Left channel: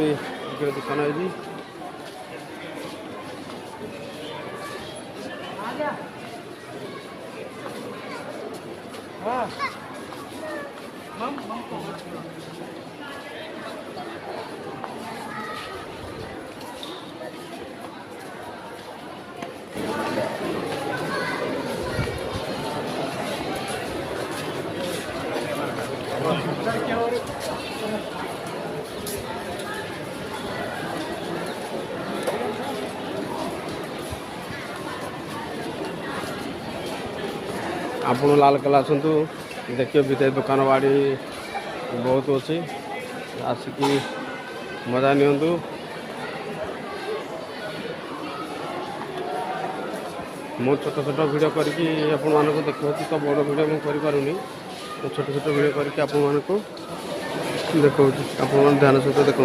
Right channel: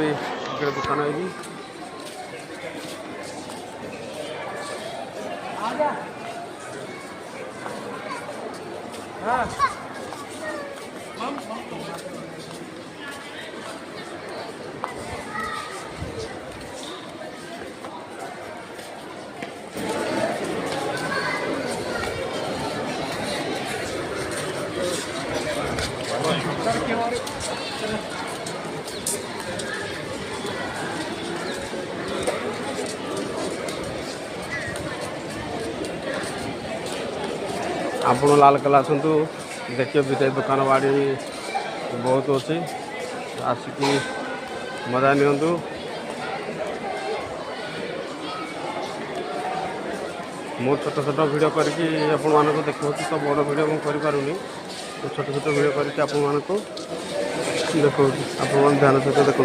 दुकान है आप लाल कला आसतु देखिए भी दुकान बाड़ी बहुत अच्छे आसिकी मजा नियंतु। मो छोट छोट वीडियो करके देखा तो बड़ वीडियो मुझे करें तो छोट छोट वीडियो करके देखा आप ध्यान सहित देखो।